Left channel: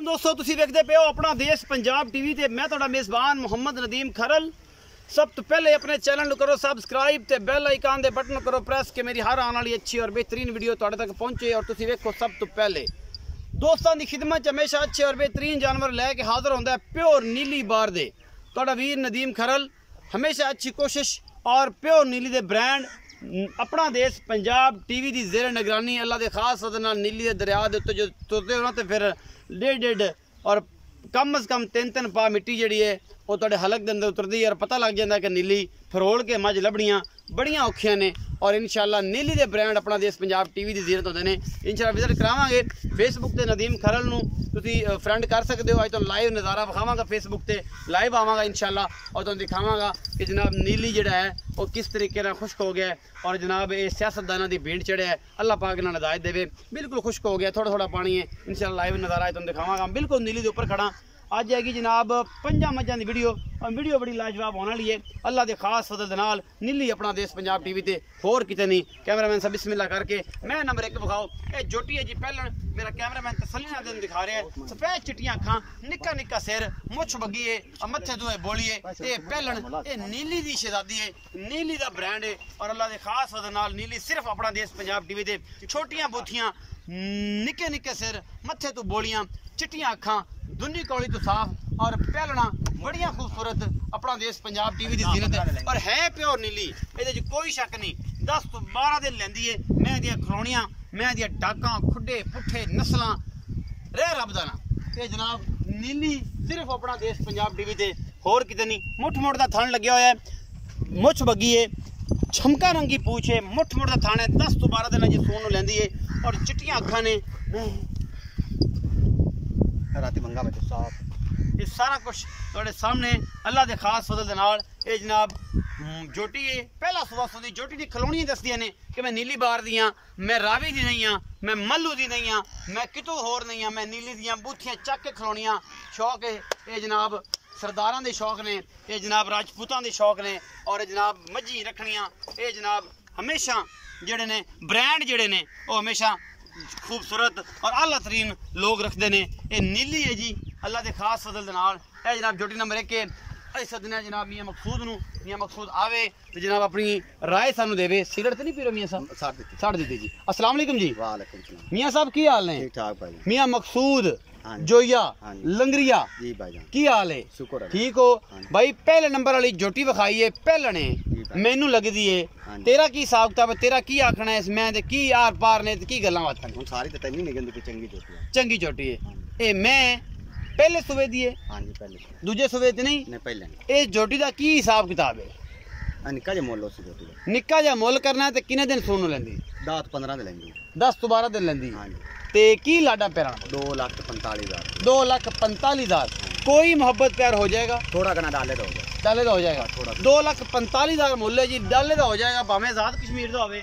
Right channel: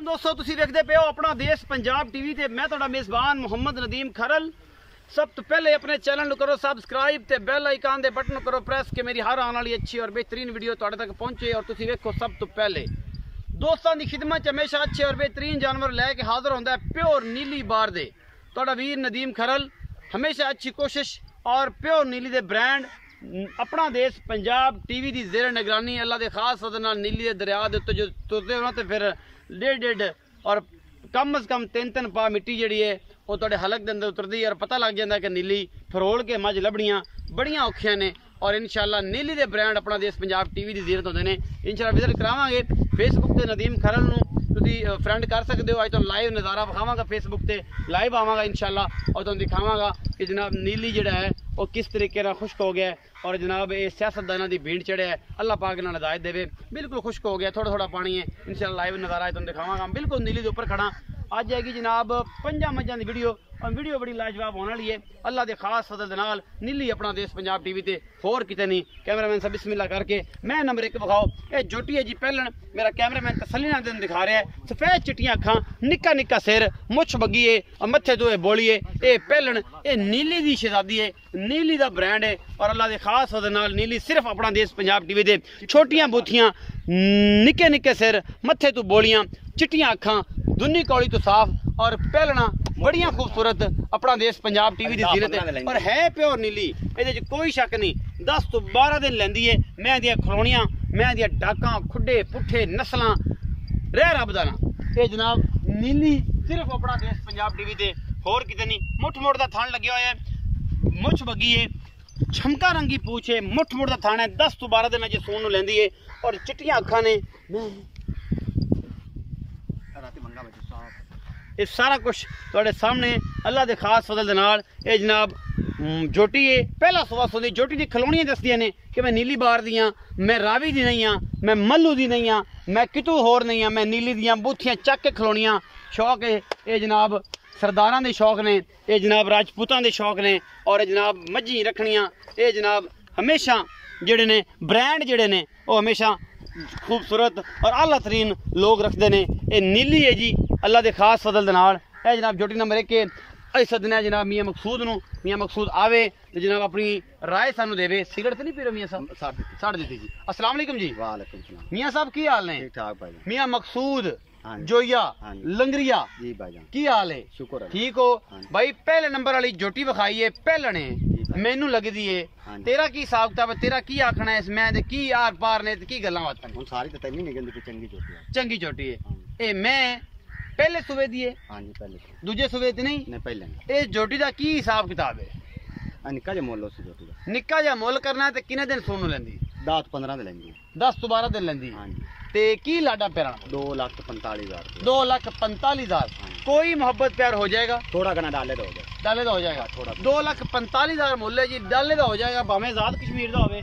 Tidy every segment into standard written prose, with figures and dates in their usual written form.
दोस्तों तुसी देखते पे हो अपना देश पंजाब टीवी ते मैं तुहाडा मेज़बान मोहम्मद नदीम खरल। सब तो पहले अपने चैनल करो सब्सक्राइब ते बेल आइकन दे बटन करो प्रेस कि मेरी हर आने वाली अच्छी और बेहतरीन वीडियो तुहाडे तक पहुंचे और तुसी वेखो सब तो पहले। दोस्तों की खिदमत च हमेशा अच्छे और बेहतरीन जानवर लैके हाजिर होंदा है प्योर नीली बार दे तुहाडा वीर नदीम खरल। हमेशा अच्छी कोशिश और प्योर नीली दे ब्रांड अपना देश पंजाब टीवी की जेर निगरानी अल्लाह के खास सदर नाल नीली दे दरिया दे उत्ते जो तुरदे हो ना तो फिर डेढ़ और कम अज़ कम 3-3 पा मिट्टी जी है वो तुहाडे हलक के अंदर उतरती है और पता लग जाता है कि नीली फरोल के मझ लभड़ियाँ बड़ियाँ औखियां ने। और इंशाल्लाह नीली दे ब्रांड अपना देश पंजाब टीवी की जीरत होंदे ने। इंशाल्लाह विजिट करावांगे फेसबुक ते नदीम खरल नूं तुसीं फ्रेंड कर सकते हो। अज तुहानूं लाइव नज़ारा विखावांगा फेसबुक ते लाइव आवांगा इंशाल्लाह और तुहानूं दिखावांगा कि जनाब नीली जिहड़ा है वो किस तरीके नाल खुश्क हो गया है और जनाब ये सियासतदानां दी भीड़ चढ़िया है। अल्लाह पाक इन्हां नूं हिदायत देवे। बिल्कुल खुश्क हो गया, थोड़ा थोड़ा पानी है। इंशाल्लाह लाइव नज़ारा तुहानूं दिखावांगा। बिल्कुल नीली दे उपर खड़ा अज हैगी जनाब 5 मझां दी वीडियो और वीडियो बड़ी लाजवाब होने वाली है। अल्लाह के खास फजल दे नाल नीली अपना देश पंजाब टीवी ते होर किते नहीं। कैमरामैन साहब बिस्मिल्लाह करके मैं नंबर 1 विखाओ। ये जोटी है जी पहलन मेरा कैमरामैन तसल्ली नाल दिन दिखा रहा है। सफेद चिट्टियां अखां निक्का निक्का सिर मुछ बग्गी है और मत्थे तो बोलिए ये पहलन ये नीली दी शहजादी है, नीली दा ब्रांड है। और अल्लाह के खास फजल नाल नीली सिर्फ अपना देश पंजाब टीवी दे छोटियां बूथियां निक्के निक्के सिर मत्थे तो बोलियां चिट्टियां अखां दुनी कौली तो साफ और पहलना बड़ियां खूबसूरत अपना देश पंजाब टीवी की जीरत है और है प्योर नीली। ये कोई शक नहीं 10 तो 12 दिन लैंदी है। मैं दियां खलोनियां मैं दियां डाकां खुडे पुठे नस्लां रह रब दा ना। ये जनाब नीली सिर्फ अपना देश पंजाब टीवी ते होर किते नहीं। मुठ मुठ दा थान लग्या होया है, मुछ बग्गी है, छमका रंगी पूछ है, मुठ मुठ दा थान है। 10 तो 12 दिन जी सून नूं लैंदी है और चिट्टियां अखां ने राती मंगा बच्चे साफ। ये सारा कुछ तुहाडे सामने अल्लाह के खास फजल दे नाल ये जनाब जोटी है। पहला सुबह सुधी जोटी की खलोनियां दसदियां ने कि मैं नीली बार दी हाँ, मैं रावी दी नहीं हाँ, मैं मल्लू दी नहीं हाँ, मैं कितों होर नहीं हाँ, मैं नीली दियां बूथियां चक के खलोनियां शौक है। ये जनाब सरदारां दे शौक ने, ये जनाब राजपूतां दे शौक ने और जनाब मझी रखनियां ये जनाब हमेशा जेड़े ने ब्रांड जेड़े ने वो हमेशा खूबसूरत और आला तरीन लोग रखते हैं। ये नीली है जी अल्लाह के खास फजल दे नाल। ए जनाब जोटी नंबर 1 के अस सदने जनाब मियाँ मकसूद नूं। मियाँ मकसूद आवे तो जनाब अपनी राय सानू देवे। सिगरेट तो नहीं पी रहे मियाँ साहब? साढ़ दी जी। अस्सलाम वालेकुम जी। वालेकुम सलाम। मियाँ साहब की हाल ने? ठीक ठाक भाई। मियाँ मकसूद जोया लंगरिया जी भाईजान की हाल है? शुक्र है। ठीक हो भाई। पहले नंबर वाली जोटी विखाई है पहलने मैनू लगदी है। तेरा की हिसाब किताब है? तेरा की आखना है इसमें ते की आर पार ने ते की गल्लां बातां? हुन सारी ते तैਨੂੰ नहीं कहंदी कि चंगी जोटी है। चंगी जोटी है। ए मैं पहले सुबह दी है? हां जी पहले। दूजे सुबह ते नहीं? नहीं पहले नहीं। ए जोटी दा की हिसाब किताब है? निक्का जिहा मुੱਲ उस जोटी दा। निक्का जिहा मुੱਲ करना है ते किने दिन सोनू लैंदी? 10 ਤੋਂ 15 ਦੇ ਲੈਂਦੀ। 10 ਤੋਂ 12 दिन लैंदी। हां जी। ते की लाडा प्यारा? 2,45,000। 2,45,000। कोई मोहब्बत प्यार हो जाएगा? थोड़ा घना डाले दा हो जाए। डाले दा हो जाएगा थोड़ा। 2,45,000 मुੱਲ है जी। डाले दा हो जाएगा भावें आजाद कश्मीर दा होवे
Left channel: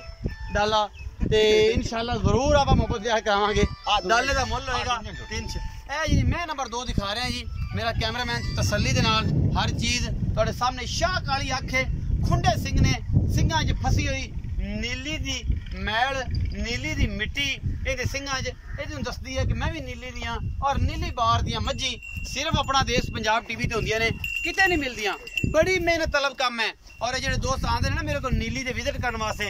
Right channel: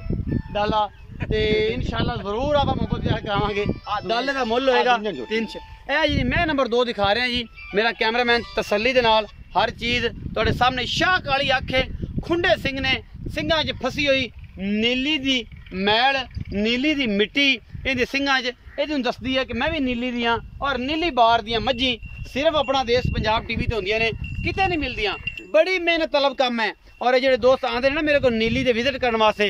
डाला ते इंशाल्लाह जरूर आप मोहब्बत प्यार करावांगे। डाले दा मुੱਲ होएगा 300। ए जी मैं नंबर 2 दिखा रहे हैं जी। मेरा कैमरामैन तसल्ली दे नाल हर चीज़ तुहाडे सामने शाह काली अख है। खुंडे सिंह ने सिंघां 'च फसी हुई नीली दी मैल नीली दी मिट्टी इहदे सिंघां 'च ये दसदी है कि मैं भी नीली दियाँ और नीली बार दियाँ मझी सिर्फ अपना देश पंजाब टीवी ते होंदियां ने किते नहीं मिलदियां। बड़ी मेहनत तलब काम है और ये दोस्त आते हैं ना मेरे को नीली दे विजिट करने वास्ते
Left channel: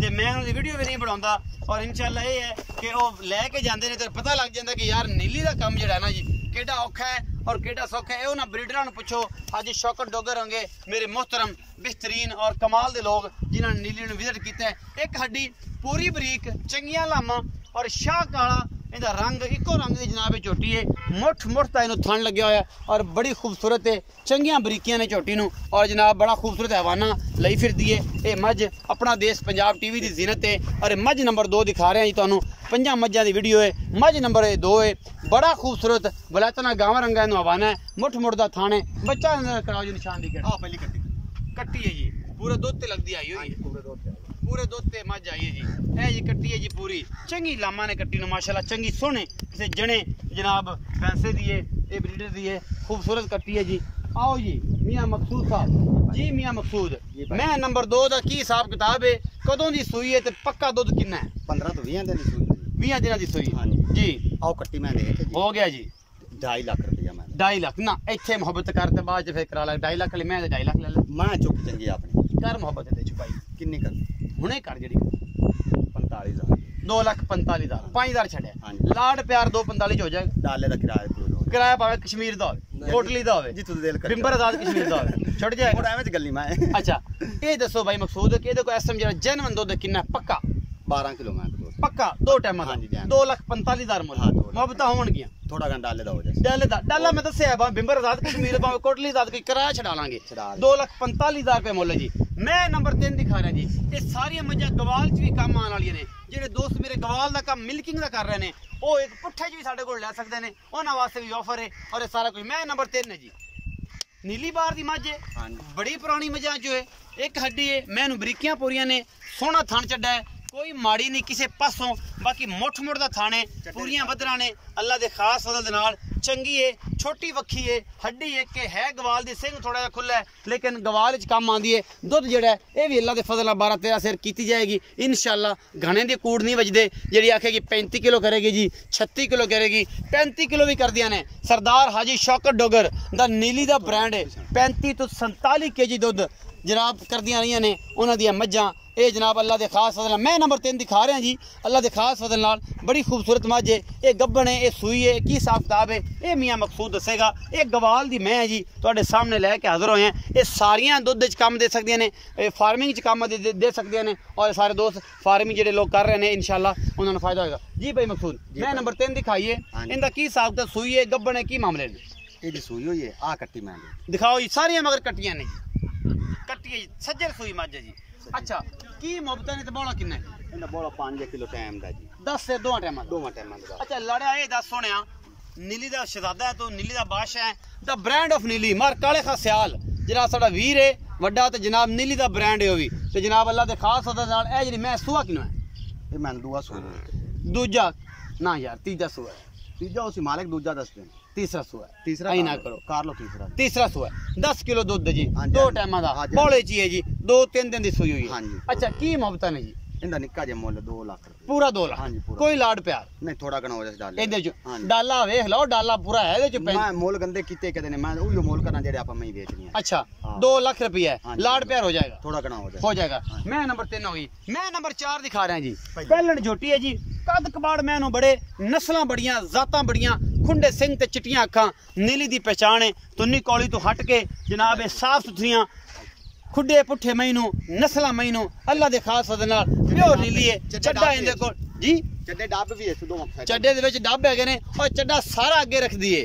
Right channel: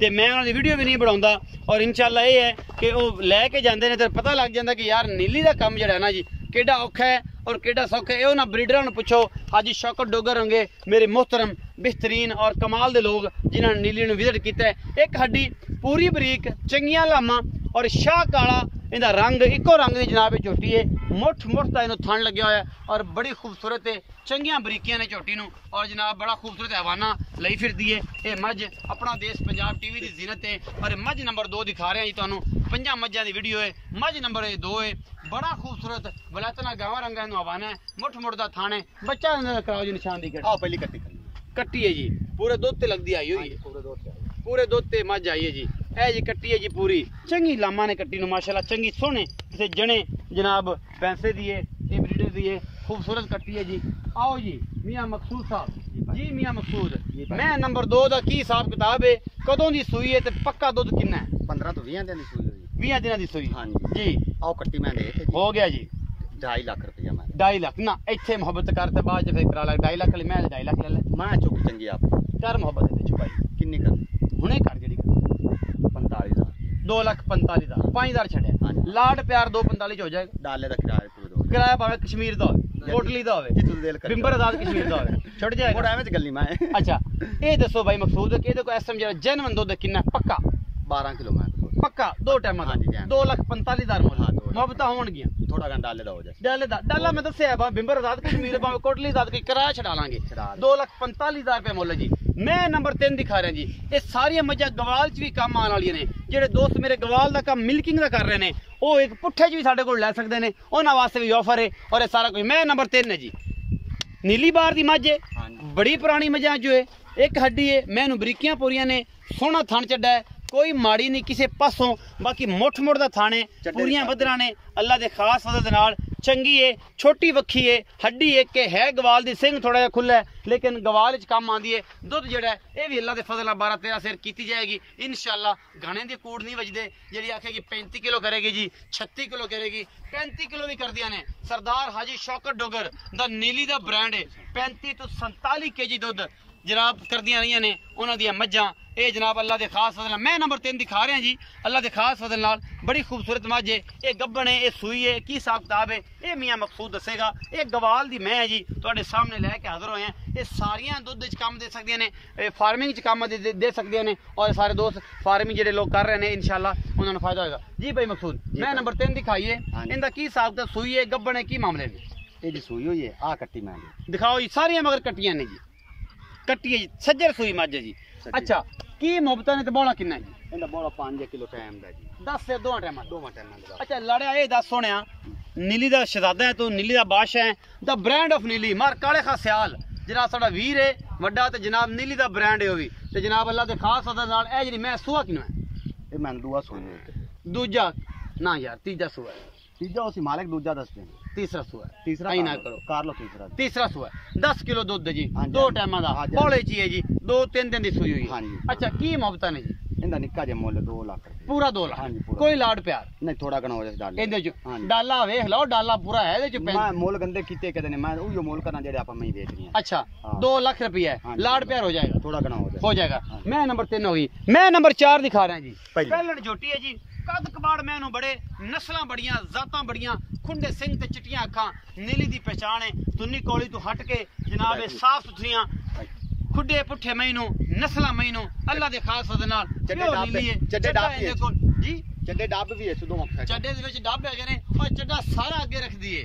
ते मैं उन्होंने वीडियो भी नहीं बनाऊंगा और इंशाल्लाह ये है कि वो लैके जाते हैं तो पता लग जाता कि यार नीली का काम जो है ना जी केड़ा औखा है और केड़ा सौखा है। उन्होंने ब्रीडर ने पूछो हाजी शौकत डोगर होंगे मेरे मोहतरम बेहतरीन और कमाल के लोग जिन्होंने नीली विजिट किया है। एक हड्डी पूरी बरीक चंगियां लामा और शाह काला इनका रंग इको रंग की जनाब झोटी है। मुठ मुठ का इन्हों थन लग्या होया और बड़ी खूबसूरत है। चंगियां बरीकियां ने झोटी नूं और जनाब बड़ा खूबसूरत हवाना लई फिरदी है। ये मझ अपना देश पंजाब टीवी की जीनत है और मझ नंबर 2 दिखा रहे हैं जी तुहानूं। 5 मझां की वीडियो है। मझ नंबर 2 है। बड़ा खूबसूरत वलैतना गावा रंगा इन्हों हवाना है। मुठ मुठ का थान है। बच्चा कराओ जी निशान दी आओ पहली कट्टी कट्टी है जी पूरे दुध ते लगदी आई हुई पूरे दुध ते मझ आई है जी। ए जी कट्टी है जी पूरी चंगी लामा ने कट्टी नूं माशाल्लाह चंगी सोहने किसी जने जनाब पैसे दी है ये ब्रीडर दी है खूबसूरत कट्टी है जी। आओ जी मियाँ मकसूद साहब जी। मियाँ मकसूद मैं नंबर 2 का की हिसाब किताब है? कदों की सूई है ते पक्का दुध कितना है? 15 ਤੋਂ 20 ਦਿਨ ਦੀ ਸੂਈ ਹੋਈ। 20 दिनों की सूई। हाँ जी आओ कट्टी मैं दे हो गया जी। 2.5 लाख रुपया मैं 2.5 लाख ना इत्थे मुहब्बत करते बाद फिर करा ला 2.5 लाख वाली मैं 2.5 लाख ले ले मैं चुप चंगी आप कर मुहब्बत दे छुपाई किन्नी कर हुणे कर जेडी 45,000 2,45,000 5,000 छड़े हाँ। लाड प्यार 245 हो जाएगा डाले दा किराया पूरा दो किराया पावे कश्मीर दा होवे कोटली दा होवे जितू दिल कर बिंबर आजाद कश्मीर दा होवे छड़ जाएगा मोड़ा एवें गल्ली मैं अच्छा ये दसो भाई मकसूद कि इहदे को एस टाइम जेड़ा जेनवन दुध किन्ना पक्का 12 किलो मैं पक्का दो टाइम हाँ जी, टाइम। 2,45,000 मुल हाँ, 2 लाख। मुहब्बत होणगियां थोड़ा घंटा डाले दा हो जाए डाले दा डाला मैं दस्या बा बिंबर आजाद कश्मीर बा कोटली आजाद की किराया छड़ा लांगे छड़ा ले। 2,45,000 रुपए मुल जी मैं नंबर 3 दिखा रहा जी ये सारी मजा गवाल च भी काम आने वाली ने जेडे दोस्त मेरे गवाल दा काम मिल्किंग दा कर रहे ने ਉਹ ਇੱਕ ਪੁੱਠੇ 'ਚ ਵੀ ਸਾਡੇ ਕੋਲ ਲੈ ਸਕਦੇ ਨੇ ਉਹਨਾਂ ਵਾਸਤੇ ਵੀ ਆਫਰ ਹੈ ਔਰ ਇਹ ਸਾਰਾ ਕੁਝ ਮੈਂ ਨੰਬਰ 3 ਹੈ ਜੀ ਨੀਲੀ ਬਾਰ ਦੀ ਮੱਝ ਹੈ ਬੜੀ ਪੁਰਾਣੀ ਮੱਝਾਂ ਜੋ ਹੈ ਇੱਕ ਹੱਡੀ ਹੈ ਮੈਂ ਇਹਨੂੰ ਬਰੀਕੀਆਂ ਪੂਰੀਆਂ ਨੇ ਸੋਹਣਾ ਥਣ ਚੱਡਾ ਹੈ कोई माड़ी नहीं किसी पासों बाकी मुठ मुठ दा थाने पूरियां वधरा ने अल्लाह दे खास मदद नाल चंगी है छोटी वक्खी है हड्डी एक के है गवाल दी सिंह थोड़ा जिहा खुला है लेकिन गवाल च काम आंदी है दुध जेड़ा है ये भी अल्लाह दे फजल नाल 12-13 सेर कीती जाएगी इंशाअल्लाह घणे दी कूड़ नहीं वजदे जेड़ी आखेगी 35 किलो करेगी जी 36 किलो करेगी 35 किलो भी कर दिया ने सरदार हाजी शौकत डोगर दा नीली दा ब्रांड है 35 तो 47 kg दुध जनाब कर दिया रही ने उन्होंने दिया मज्जां ये जनाब अल्लाह के खास फजल मैं नंबर 3 दिखा रहा जी अल्लाह के खास फजल नाल बड़ी खूबसूरत मझ है ये गब्बन है ये सूई है की हिसाब किताब है ये मियाँ मकसूद दसेगा ये गवाल दी मैं है जी तुहाडे सामने लैके हाजिर होए हैं ये सारियां दुध च काम दे सकदियां ने फार्मिंग च काम दे सकदियां ने और सारे दोस्त फार्मिंग जेडे लोग कर रहे हैं इंशाल्लाह उन्होंने फायदा होगा जी भाई मकसूद मैं नंबर 3 दिखाइए इनका की हिसाब किताब सूई है गब्बन है की मामले ने ये सूई हुई है आ कट्टी मैं दिखाओ जी सारियां मगर कट्टियां ने जी कट्टी है जी सज्जर सूई मझ है जी अच्छा की मुहब्बत ने ते बोला किन्ना जी इंदा बोला 5 किलो टाइम दा जी 10 से 2 टाइम दा अच्छा लड़या ये 10 सोनिया नीली दा शहजादा है तू नीली दा बादशाह है द ब्रांड ऑफ नीली मार काले खा सियाल जरा साडा वीर है वड्डा ते जनाब नीली दा ब्रांड है ओ भी ते जनाब अल्लाह दे खास अदा नाल ए जेडी मैं सुआ किनो है ये मैं दूआ सूई दूजा ना यार तीजा सुआ है तीजा उसी मालिक दूजा दस दिन तीसरा सुआ है तीसरा आई ना करो कर लो तीसरा सुआ 10 किलो दूध जी हाँ जी, 2 हाँ जी। टाइम दा हाँ जी, बोले ची है जी 2-3 दिन दी सुई हुई हाँ है जी। अच्छा की मुहब्बत ने जी इंदा निक्का जे मुल 2 लाख रुपए पूरा 2 लाख हाँ जी, पूरा। कोई लाड प्यार नहीं थोड़ा घना हो जाए डाले ਇਹਦੇ ਚ हाँ जी। ਡਾਲਾ ਵੇਖ ਲਓ ਡਾਲਾ ਪੂਰਾ ਹੈ ਇਹਦੇ ਚ मैं मोल गंदे कीते कहते ने मैं उयो मोल करना जेडे आपा मैं बेच रही है अच्छा हाँ। 2 लाख रुपया है हाँ जी, लाड प्यार हो जाएगा थोड़ा घना हो जाए हो जाएगा हाँ। मैं नंबर 3 होगी मैं नंबर 4 दिखा रहा जी पहले। पहलन झोटी है जी कद कबाड़ मैनू बड़े नस्लां बड़ियां जातां बड़ियां खुंडे सिंह ते चिट्टियां अखां नीली दी पहचान है तुन्नी कौली तो हट के जनाब ये साफ सुथरियां खुडे पुठे मैनू नस्लां मैनू अल्लाह दे खास फजल नाल प्योर नीली है चड्डा इंदे कोल जी चड्डे डब भी है सुदो मक्खा ਚੱਡੇ ਦੇ ਵਿੱਚ ਡੱਬ ਹੈਗੇ ਨੇ ਔਰ ਚੱਡਾ ਸਾਰਾ ਅੱਗੇ ਰੱਖਦੀ ਏ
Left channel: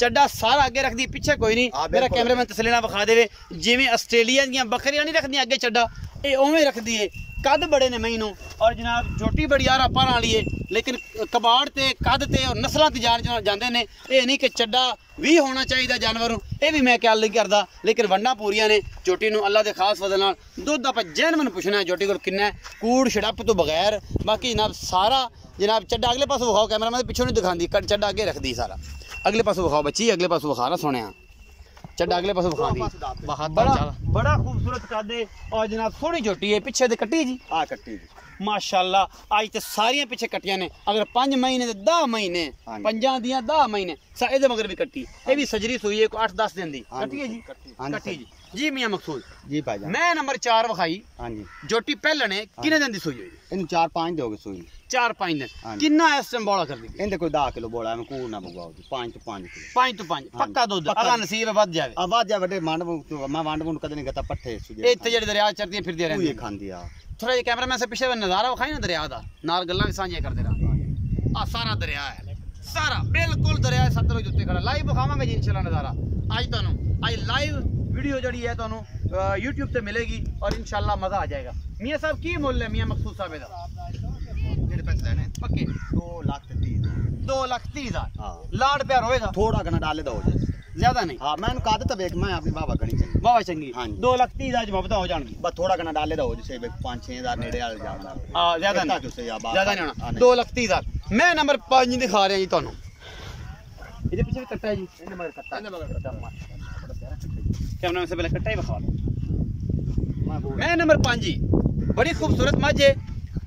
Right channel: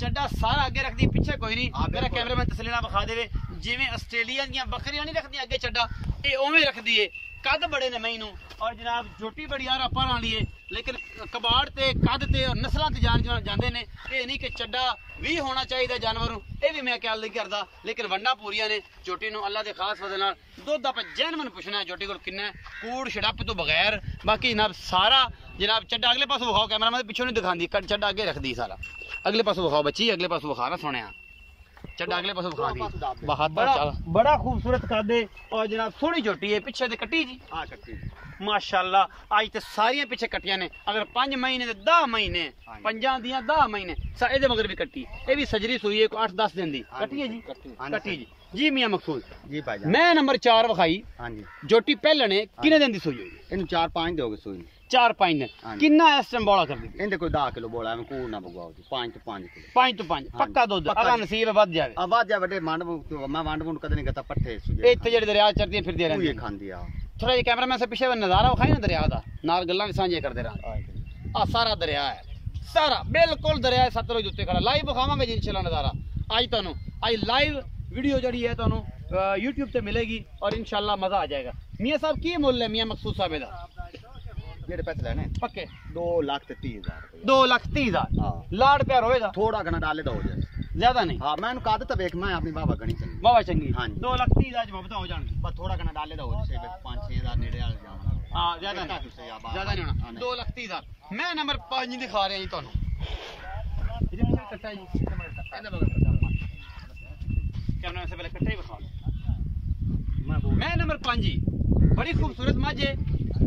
ਚੱਡਾ ਸਾਰਾ ਅੱਗੇ ਰੱਖਦੀ ਪਿੱਛੇ ਕੋਈ ਨਹੀਂ ਹਾਂ, ਮੇਰਾ ਬਿਲਕੁਲ। ਕੈਮਰਾਮੈਨ ਤਸੱਲੀ ਨਾਲ ਵਿਖਾ ਦੇਵੇ ਜਿਵੇਂ ਆਸਟ੍ਰੇਲੀਆ ਦੀਆਂ ਬੱਕਰੀਆਂ ਨਹੀਂ ਰੱਖਦੀਆਂ ਅੱਗੇ ਚੱਡਾ ਇਹ ਉਵੇਂ ਰੱਖਦੀ ਏ ਕੱਦ ਬੜੇ ਨੇ ਮੈਨੂੰ ਔਰ ਜਨਾਬ ਛੋਟੀ ਬੜੀ ਯਾਰ ਆਪਾਂ ਨਾਲ ਲਈਏ ਲੇਕਿਨ ਕਬਾੜ ਤੇ ਕੱਦ ਤੇ ਔਰ ਨਸਲਾਂ ਤੇ ਜਾਣ ਜਾਂਦੇ ਨੇ ਇਹ ਨਹੀਂ ਕਿ ਚੱਡਾ ਵੀ ਹੋਣਾ ਚਾਹੀਦਾ ਜਾਨਵਰ ਨੂੰ ਇਹ ਵੀ ਮੈਂ ਖਿਆਲ ਨਹੀਂ ਕਰਦਾ ਲੇਕਿਨ ਵੰਡਾਂ ਪੂਰੀਆਂ ਨੇ ਝੋਟੀ ਨੂੰ ਅੱਲਾ ਦੇ ਖਾਸ ਫਜ਼ਲ ਨਾਲ ਦੁੱਧ ਆਪਾਂ ਜੈਨਵਨ ਪੁੱਛਣਾ ਹੈ ਝੋਟੀ ਕੋਲ ਕਿੰਨਾ ਹੈ ਕੂੜ ਛੜੱਪ ਤੋਂ ਬਗੈਰ ਬਾਕੀ ਜਨਾਬ ਸਾਰਾ ਜਨਾਬ ਚੱਡਾ ਅਗਲੇ ਪਾਸੋਂ ਵਿਖਾਓ ਕੈਮਰਾਮੈਨ ਦੇ ਪਿੱਛੋਂ ਨਹੀਂ ਦਿਖਾਉਂਦੀ ਚੱਡਾ ਅੱਗੇ ਰੱਖਦੀ ਸਾਰਾ ਅਗਲੇ ਪਾਸੋਂ ਵਿਖਾਓ ਬੱਚੀ ਅਗਲੇ ਪਾਸੋਂ ਵਿਖਾ ਨਾ ਸੁਣਿਆ ਚੱਡਾ ਅਗਲੇ ਪਾਸੋਂ ਵਿਖਾਉਂਦੀ ਬੜਾ ਬੜਾ ਖੂਬਸੂਰਤ ਕਾਦੇ ਔਰ ਜਨਾਬ ਸੋਹਣੀ ਝੋਟੀ ਹੈ ਪਿੱਛੇ ਤੇ ਕੱਟੀ ਜੀ आ कट्टी माशाअल्लाह आज ते सारियां पीछे कट्टियां ने अगर 5 महीने ते 10 महीने हाँ जी। पंजां दियां 10 महीने ਇਹਦੇ ਮਗਰ ਵੀ ਕੱਟੀ ਇਹ ਵੀ ਸਜਰੀ ਸੂਈ ਹੈ ਕੋਈ 8-10 ਦਿਨ ਦੀ हाँ ਕੱਟੀ ਹੈ ਜੀ हाँ जी। ਕੱਟੀ ਜੀ ਜੀ ਮੀਆਂ ਮਕਸੂਦ जी भाईजान ਮੈਂ ਨੰਬਰ 4 ਵਿਖਾਈ हाँ जी ਜੋਟੀ ਪਹਿਲਾਂ ਨੇ ਕਿੰਨੇ ਦਿਨ ਦੀ ਸੂਈ ਹੋਈ इन 4-5 दोगे सुई 4-5 ਦਿਨ हाँ जी। ਕਿੰਨਾ ਇਸ ਟਾਈਮ ਬੋਲਾ ਕਰਦੀ इनदे कोई 10 किलो बोला मैं कूड़ ना बगवाओ 5 तो 5 किलो 5 ਤੋਂ 5 हाँ ਪੱਕਾ जी। ਦੁੱਧ पक्का ਅਗਾ जी। ਨਸੀਬ ਵੱਧ ਜਾਵੇ आवाज जा बड़े मांड मैं वांड वुंड कदे नहीं करता पट्ठे ਇਹ ਇੱਥੇ ਜਿਹੜੇ ਦਰਿਆ ਚੜਦੀਆਂ ਫਿਰਦੀਆਂ ये ਰਹਿੰਦੀਆਂ खांदी आ ਥੋੜਾ ਜਿਹਾ ਕੈਮਰਾਮੈਨ ਸੇ ਪਿੱਛੇ ਨਜ਼ਾਰਾ ਵਿਖਾਈ ਨਾ ਦਰਿਆ ਦਾ ਨਾਲ ਗੱਲਾਂ ਵੀ ਸਾਂਝੀਆਂ ਕਰਦੇ ਰਹਾਂਗੇ ਆ ਸਾਰਾ ਦਰਿਆ ਹੈ ਸਾਰਾ ਬਿਲਕੁਲ ਦਰਿਆ ਸਤਲੁਜ ਉੱਤੇ ਖੜਾ ਲਾਈਵ ਵਿਖਾਵਾਂਗੇ ਜੀ ਇਨਸ਼ਾਅੱਲਾ ਨਜ਼ਾਰਾ ਅੱਜ ਤੁਹਾਨੂੰ ਅੱਜ ਲਾਈਵ ਵੀਡੀਓ ਜਿਹੜੀ ਹੈ ਤੁਹਾਨੂੰ YouTube ਤੇ ਮਿਲੇਗੀ ਔਰ ਇਨਸ਼ਾਅੱਲਾ ਮਜ਼ਾ ਆ ਜਾਏਗਾ ਮੀਆਂ ਸਾਹਿਬ ਕੀ ਮੁੱਲ ਹੈ ਮੀਆਂ ਮਕਸੂਦ ਸਾਹਿਬ ਦਾ जेडे पैसे लेने ਪੱਕੇ 2 लाख ते 30 हज़ार 2,30,000 हां ਲਾਡ ਪਿਆਰ ਹੋਏਗਾ थोड़ा घना डाले दा हो जाए ਜ਼ਿਆਦਾ ਨਹੀਂ हां मैं का तो देख मैं अपनी बाबा गणी चंगी ਵਾਵਾ ਚੰਗੀ हाँ जी। 2,30,000 ਮੁਹੱਬਤਾਂ ਹੋ ਜਾਣਗੀ बस थोड़ा घना डाले दा हो जैसे 5-6 हज़ार नेड़े आ जाना ਜ਼ਿਆਦਾ इतना ਨਹੀਂ क्यों से या बात ਜ਼ਿਆਦਾ ਨਹੀਂ ਹੋਣਾ 2,30,000 ਮੈਂ ਨੰਬਰ 5 ਦਿਖਾ ਰਿਹਾ ਜੀ ਤੁਹਾਨੂੰ ਇਹਦੇ ਪਿੱਛੇ ਕੱਟਾ ਹੈ ਜੀ ਇਹਦੇ ਮਗਰ ਕੱਟਾ ਇਹਦੇ ਮਗਰ ਕੱਟਾ ਕੈਮਰਾ ਸੇ ਪਹਿਲੇ ਕੱਟਾ ਹੀ ਵਿਖਾ ਲਓ ਮੈਂ ਨੰਬਰ 5 ਜੀ ਬੜੀ ਖੂਬਸੂਰਤ ਮੱਝ ਹੈ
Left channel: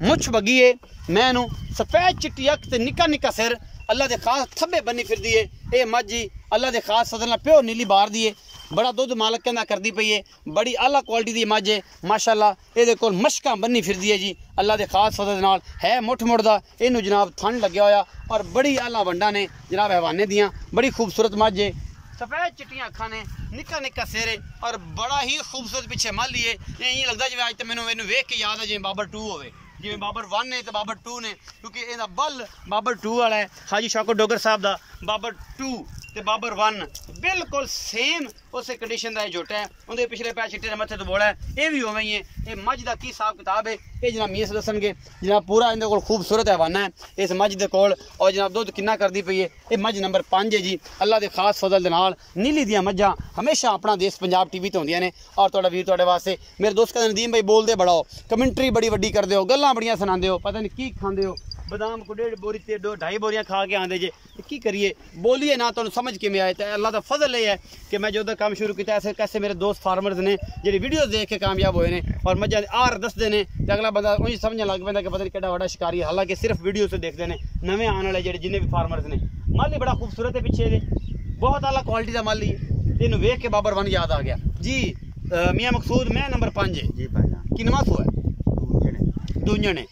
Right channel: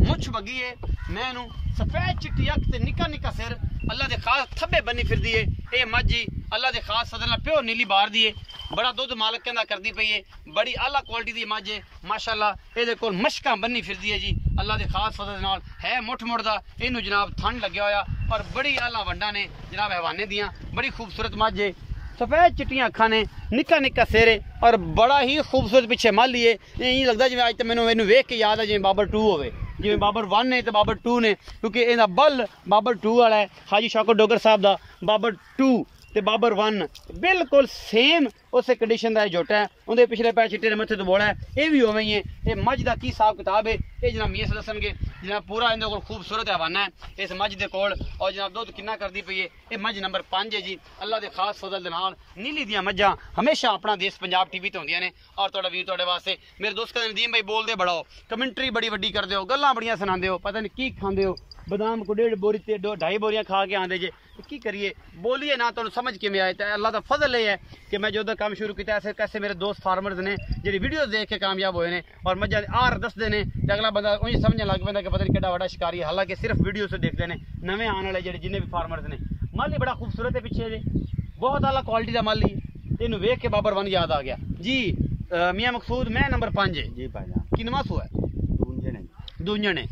ਮੁੱਛ ਬੱਗੀ ਹੈ ਮੈਂ ਨੂੰ ਸਫੈਦ ਚਿੱਟੀ ਅੱਖ ਤੇ ਨਿੱਕਾ ਨਿੱਕਾ ਸਿਰ ਅੱਲਾ ਦੇ ਖਾਸ ਥੱਬੇ ਬੰਨੀ ਫਿਰਦੀ ਹੈ ये मझ जी अल्लाह के खास सदन प्योर नीली बार दी है, बड़ा दुध मालक कहना करती पई है, बड़ी आला क्वालिटी की मझ है माशाअल्लाह। ये कोल मशकां बन्नी फिरदी है जी अल्लाह के खास सदन नाल, है मुठ मुड़दा, इनू जनाब थन लग्या होया और बड़ी आला वंडा ने जनाब हैवाने दियाँ, बड़ी खूबसूरत मझ है, सफेद चिट्टियां अखां ने, निक्का निक्का सिर और बड़ा ही खूबसूरत पिछे मल ही है। यही लगता जिवें अज तो मैनू वेख के याद है जिवें बाबर 2 होवे, जिवें बाबर 1 है तो बाबर 2 ने, क्योंकि इहदा बल बाबर 2 वाला है, हाजी शौकत डोगर साहब दा बाबर 2 ते बाबर 1 बिल्कुल सेम उस कंडीशन का जोटा है, उनके पिछले पैर चिट्टे मत्थे तो बोड़ा है, ये भी उवें ही है। ये मझ का की हिसाब किताब है ये जनाब मीस दसणगे, जनाब पूरा इनके कोल खूबसूरत हैवाना है इस मझ के कोल, और जनाब दुध कितना करती पई है। ये मझ नंबर 5 है जी अल्लाह के खास फजल दे नाल। नीली दियाँ मझां हमेशा अपना देश पंजाब टीवी तो होंदियां ने, और तुहाडा वीर तुहाडे वास्ते मेरे दोस्त कहंदे नदीम भाई बोलदे बड़ा हो, कमेंटरी बड़ी वड्डी करदे हो, गल्लां बड़ियां सुणांदे हो, पता नहीं की खांदे हो, बादाम को 1.5 बोरी ते 2.5 बोरियां खा के आंदे जे, की करिए बोलिए ना तुहानूं समझ किवें आए। तो अल्लाह दा फजल ये है कि मैं जो काम शुरू किया ऐसे कैसे मेरे दोस्त फार्मर्स ने जेह्ड़ी वीडियोज़ देख के कामयाब होए ने और मझां आर दसदे ने, ते अगला बंदा उंज समझने लग पैंदा कि पता नहीं केड़ा बड़ा शिकारी है, हालांकि सिर्फ वीडियो से देखते हैं नवे आने वाले जेह्ड़े जिन्ने भी फार्मर्स ने। माल ही बड़ा खूबसूरत है पिछे जे, बहुत आला क्वालिटी का माल ही है, इनू वेख के बाबर 1 याद आ गया जी। मियाँ मकसूद मैं नंबर 5 है जी भाई जान, किनवा सू है दूंजन है,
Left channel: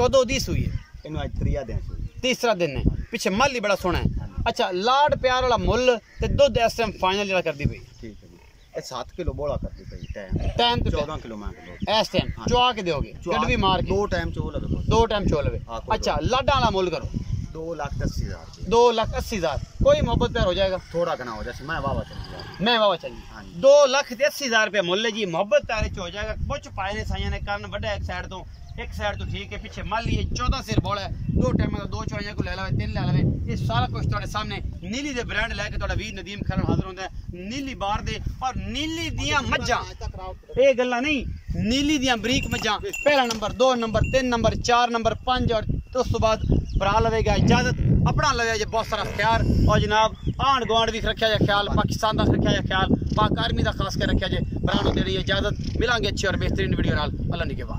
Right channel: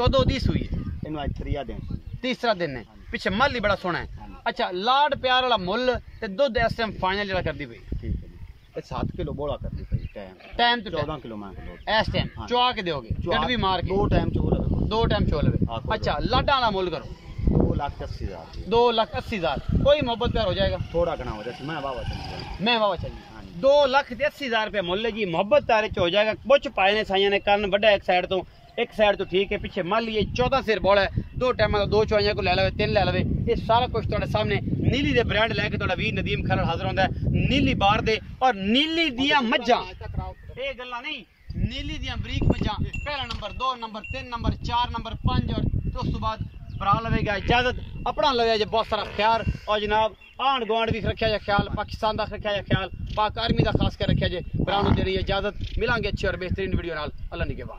कदों दी सूई है? इनू आज 3 दिन तीसरा दिन है, पिछे मल ही बड़ा सोहना है। अच्छा लाड प्यार वाला मुल ते दुध इस टाइम फाइनल जेड़ा करदी पई? ठीक है जी, 7 किलो बोला करती पई टाइम तो 14 किलो मैं किलो इस टाइम चुआ के दोगे, गड़वी मार के 2 टाइम चोल है, 2 टाइम चोल लवे। अच्छा लाडा वाला मुल करो 2,80,000 2,80,000, कोई मोहब्बत प्यार हो जाएगा? थोड़ा घना हो जाए, मैं बाबा चली जाऊँ, मैं बाबा चली 2,80,000 रुपये मुल है जी, मोहब्बत प्यारे च हो जाएगा। बुच पाए ने साइया ने करन बड़ा एक साइड तो ठीक है, पिछे मल लिए 14 सिर बोला है, 2 टाइम 2 चुआइयां को ले लवे 3 ले लवे, ये सारा कुछ तुहाडे सामने नीली दे ब्रांड लैके तुहाडा वीर नदीम खरल हाजिर होंदा है। नीली बार दे और नीली दियां मज्जां, ये गल्लां नहीं, नीली दियां बरीक मज्जां, पहला नंबर 2 नंबर 3 नंबर 4 नंबर 5, और उस तो बाद भरा लवेगा इजाजत अपना लवे जे बहुत सारा ख्याल, और जनाब आंढ गुआंढ भी रखा जाए ख्याल, पाकिस्तान का रखा जाए ख्याल, पाक आर्मी का खास कर रखा जाए, भरा देनी इजाजत। मिलांगे अच्छी और बेहतरीन वीडियो नाल, अल्लाह निगहबान।